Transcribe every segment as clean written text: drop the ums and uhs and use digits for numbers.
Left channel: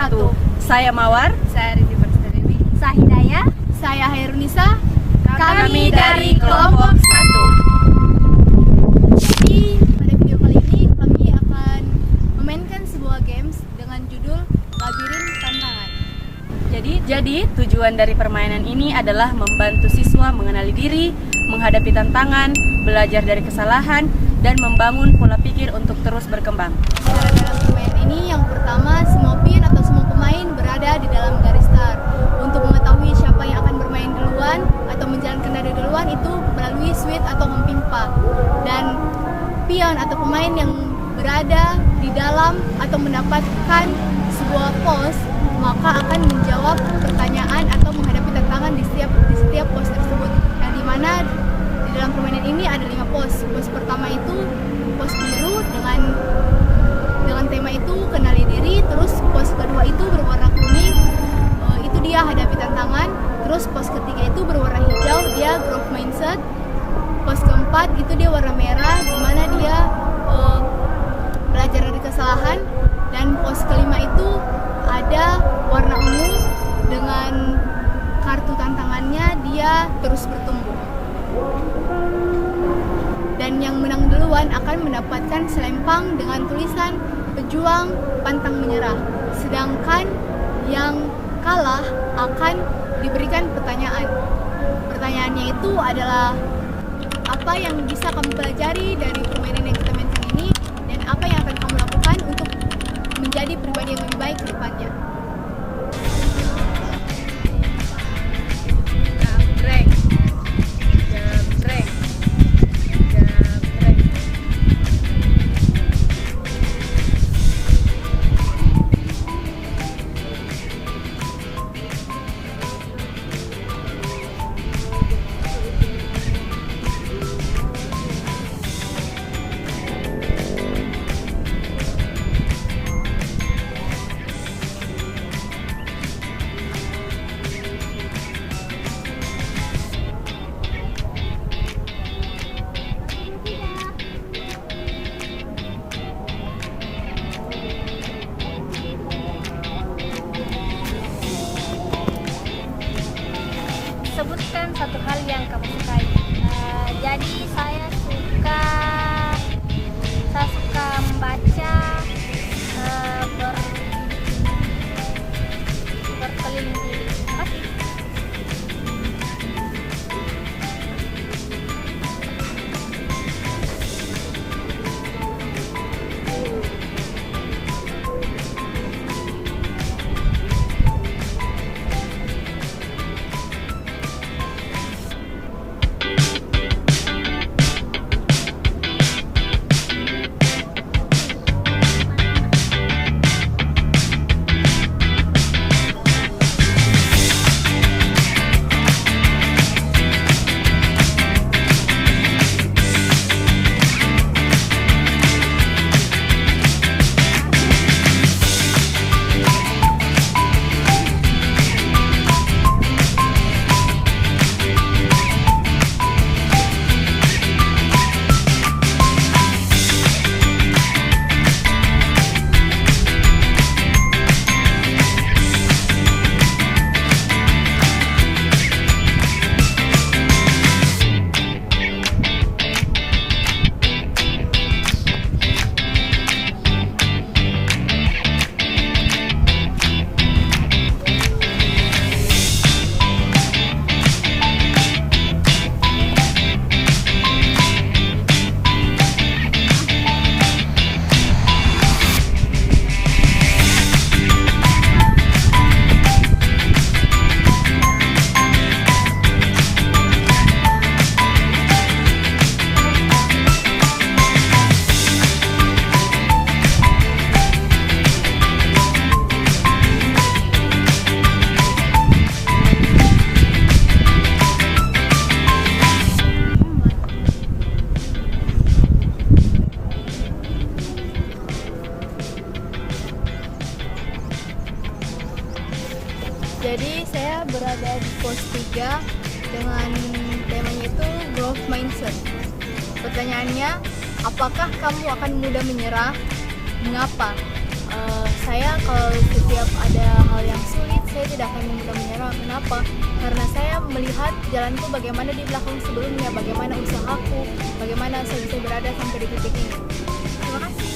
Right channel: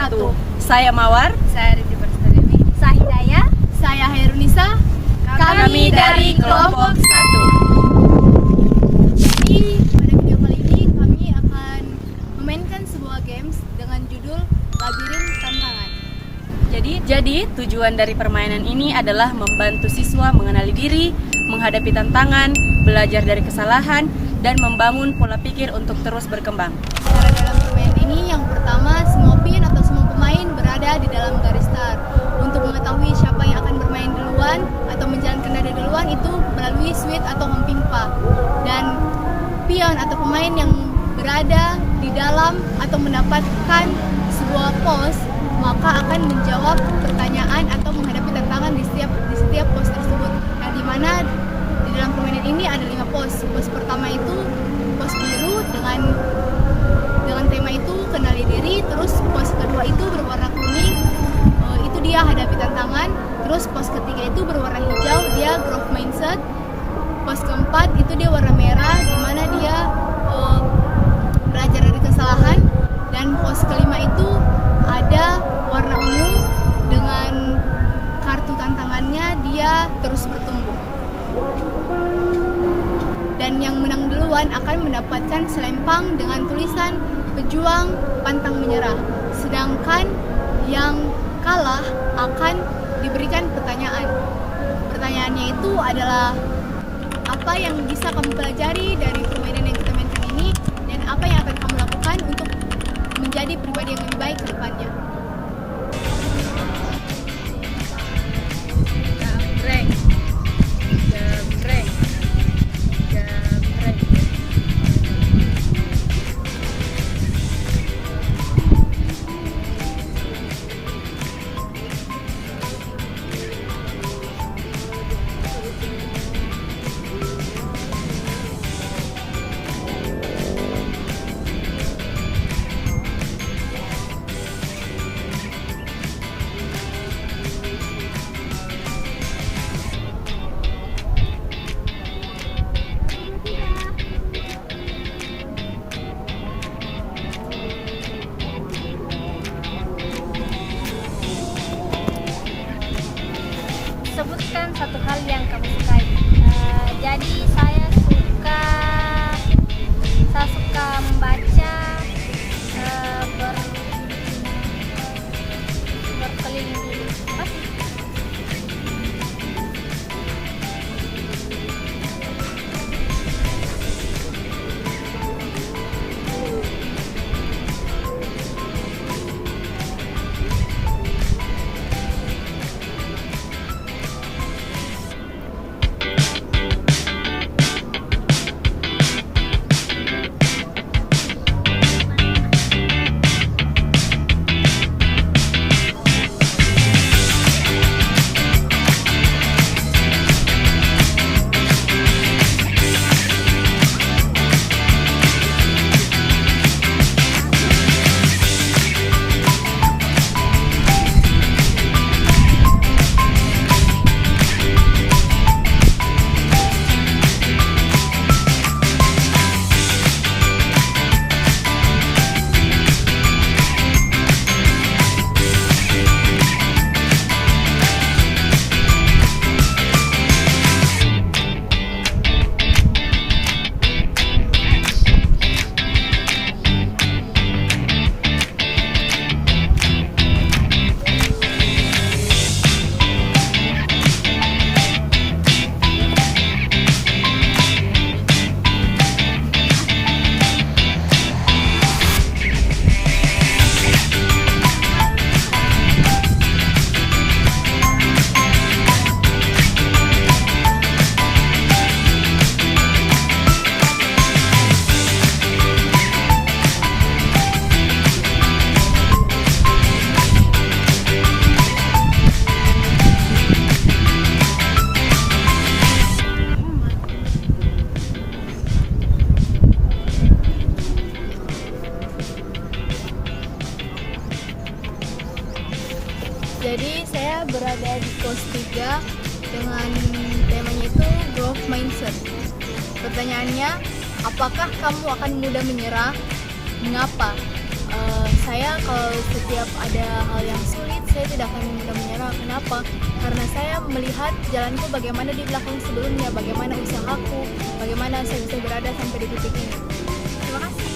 wabarakatuh. Saya Mawar. Saya Rindi Perstadewi. Saya Hidayah. Saya Hairunisa. Kami dari kelompok 1. Jadi pada video kali ini kami akan memainkan sebuah games dengan judul Labirin Tantangan. Jadi tujuan dari permainan ini adalah membantu siswa mengenali diri, menghadapi tantangan, belajar dari kesalahan, dan membangun pola pikir untuk terus berkembang. Cara dalam permainan ini yang pertama, semua pin atau semua pemain berada di dalam garis start. Untuk mengetahui siapa yang akan bermain duluan atau menjalankan nada duluan itu melalui switch atau hempimpa. Dan pion atau pemain yang berada di dalam atau mendapatkan sebuah pos maka akan menjawab pertanyaan atau menghadapi tantangan di setiap pos tersebut. Yang dimana di dalam permainan ini ada 5 pos. Pos pertama itu pos biru dengan tema itu kenali diri. Terus pos kedua itu berwarna kuning, itu dia hadapi tantangan. Terus pos ketiga itu berwarna hijau, dia growth mindset. Pos keempat itu dia warna merah, dimana dia belajar dari kesalahan. Dan pos kelima itu ada warna ungu dengan kartu tantangannya dia terus bertumbuh. Dan yang menang duluan akan mendapatkan selempang dengan tulisan pejuang pantang menyerah. Sedangkan yang kalah akan diberikan pertanyaan. Pertanyaannya itu adalah apa yang bisa kamu pelajari dari permainan yang kita mainkan ini dan apa yang akan kamu lakukan untuk menjadi pribadi yang lebih baik ke depannya. Sebutkan satu hal yang kamu sukai. Jadi saya suka membaca, berkeliling dulu. Jadi saya berada di pos 3 dengan temanya itu growth mindset. Pertanyaannya, apakah kamu akan mudah menyerah? Mengapa? Saya kalau setiap ada hal yang sulit, saya tidak akan mudah menyerah. Kenapa? Karena saya melihat jalanku bagaimana di belakang sebelumnya, bagaimana usahaku, bagaimana saya bisa berada sampai di titik ini. Terima kasih.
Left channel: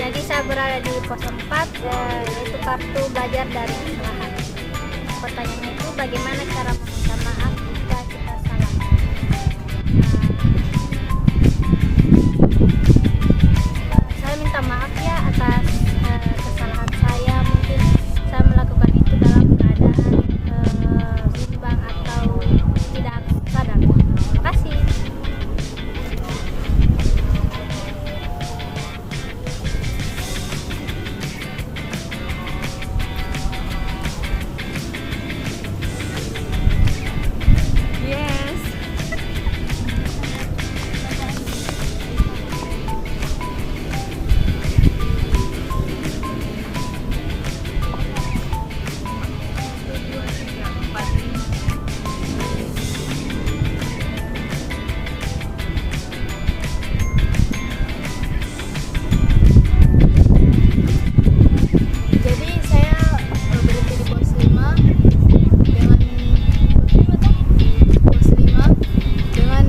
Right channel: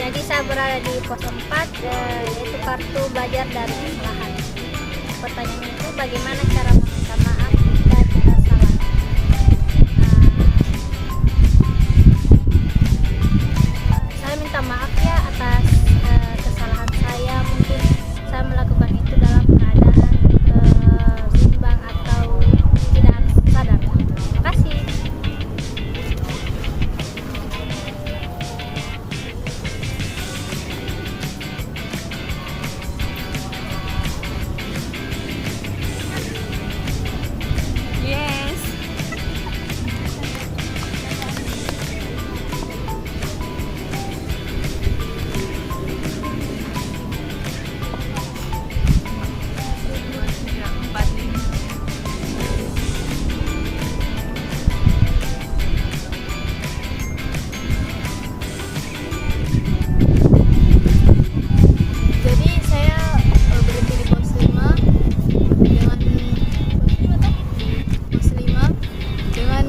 Jadi saya berada di pos 4, yaitu kartu belajar dari kesalahan. Pertanyaannya itu bagaimana cara meminta maaf jika kita salah. Saya minta maaf ya atas kesalahan saya. Mungkin saya melakukan itu dalam keadaan bimbang atau tidak sadar. Terima kasih. Jadi saya berhenti di pos 5 dengan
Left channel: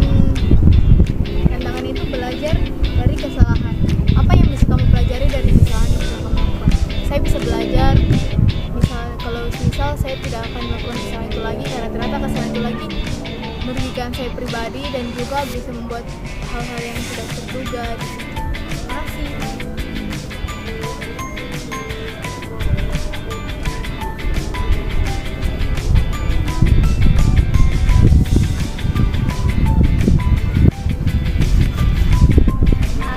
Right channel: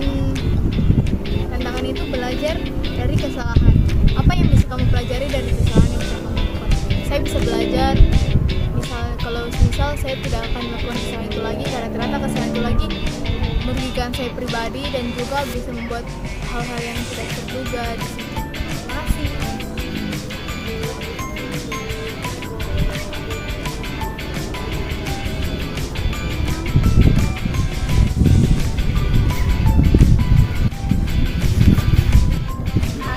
tantangan itu belajar dari kesalahan. Apa yang bisa kamu pelajari dari kesalahan yang bisa kamu lakukan? Saya bisa belajar, kalau saya tidak akan melakukan kesalahan itu lagi, karena ternyata kesalahan itu lagi merugikan saya pribadi dan juga bisa membuat hal-hal yang tidak terduga di situ. Terima kasih.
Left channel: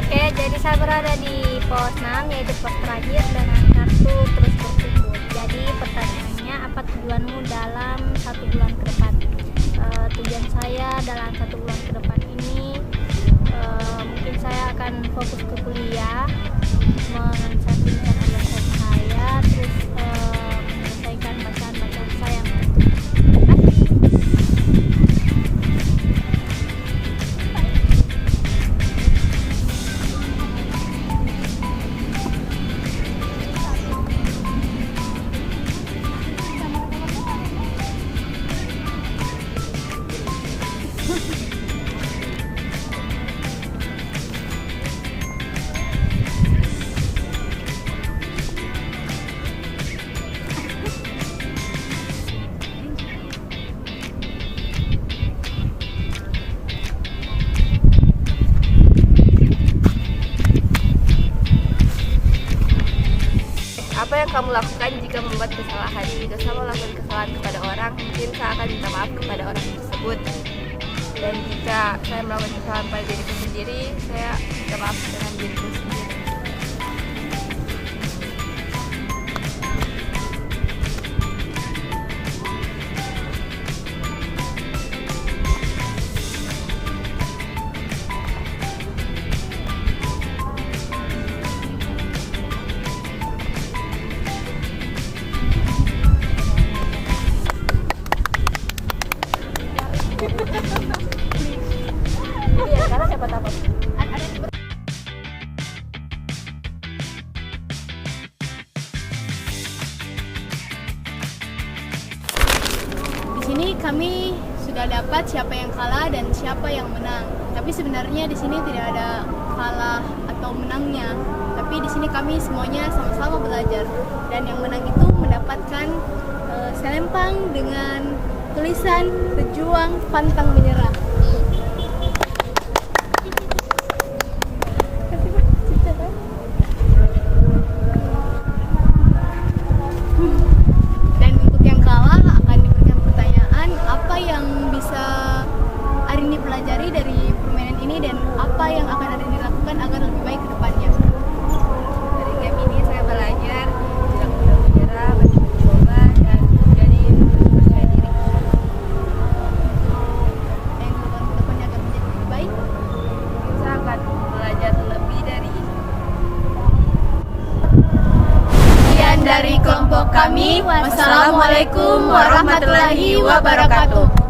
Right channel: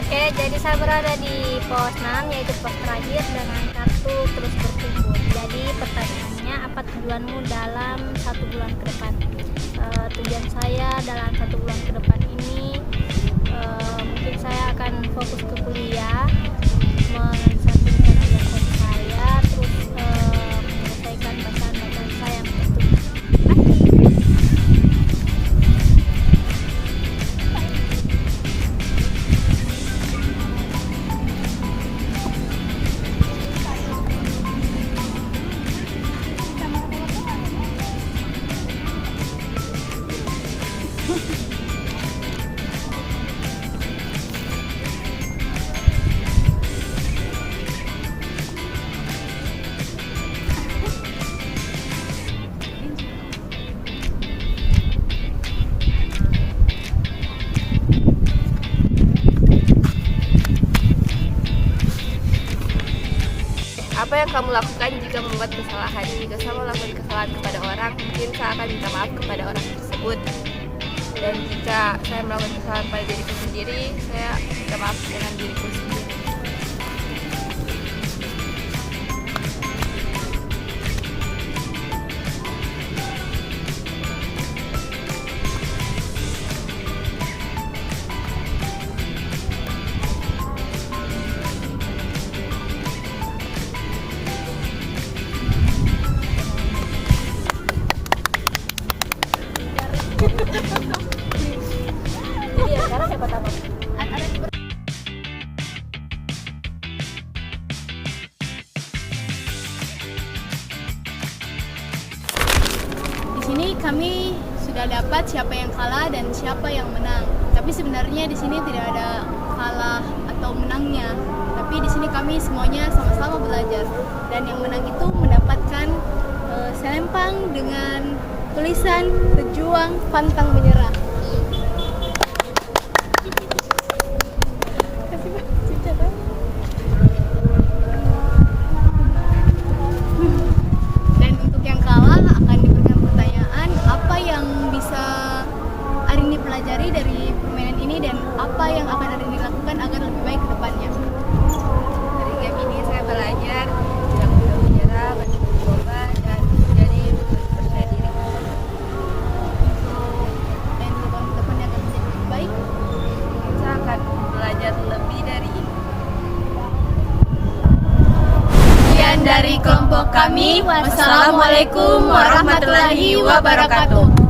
Oke, jadi saya berada di pos 6, yaitu pos terakhir dengan kartu terus bertumbuh. Jadi pertanyaannya, apa tujuanmu dalam 1 bulan ke depan? Tujuan saya dalam 1 bulan ke depan ini, mungkin saya akan fokus ke kuliah, mengesampingkan organisasi saya, terus menyelesaikan bacaan-bacaan saya yang tertulis. Terima kasih. Apa yang kamu lakukan jika membuat kesalahan? Jika saya melakukan kesalahan kepada orang, mungkin saya akan minta maaf kepada orang tersebut. Dan jika saya melakukan kesalahan pada diriku sendiri, saya minta maaf dengan diriku sendiri. Di sini kami sudah dapat siapa yang kalah dan siapa yang menang. Tapi sebenarnya di sini tidak ada kalah atau menangnya. Tapi di sini kami semuanya sama-sama belajar. Dan yang menang itu mendapatkan selempang dengan tulisan "Pejuang Pantang Menyerah". Dan untuk yang kalah akan diberikan pertanyaan, apa yang bisa pelajari dari permainan ini dan apa yang akan ada dilakukan agar lebih baik ke depannya? Dari game ini saya belajar tidak mudah menyerah, mencoba dan menjadi percaya diri. Untuk yang dilakukan ke depannya agar menjadi lebih baik. Mungkin saya akan belajar lebih dari ini. Sekian dari kelompok kami. Wassalamualaikum warahmatullahi wabarakatuh.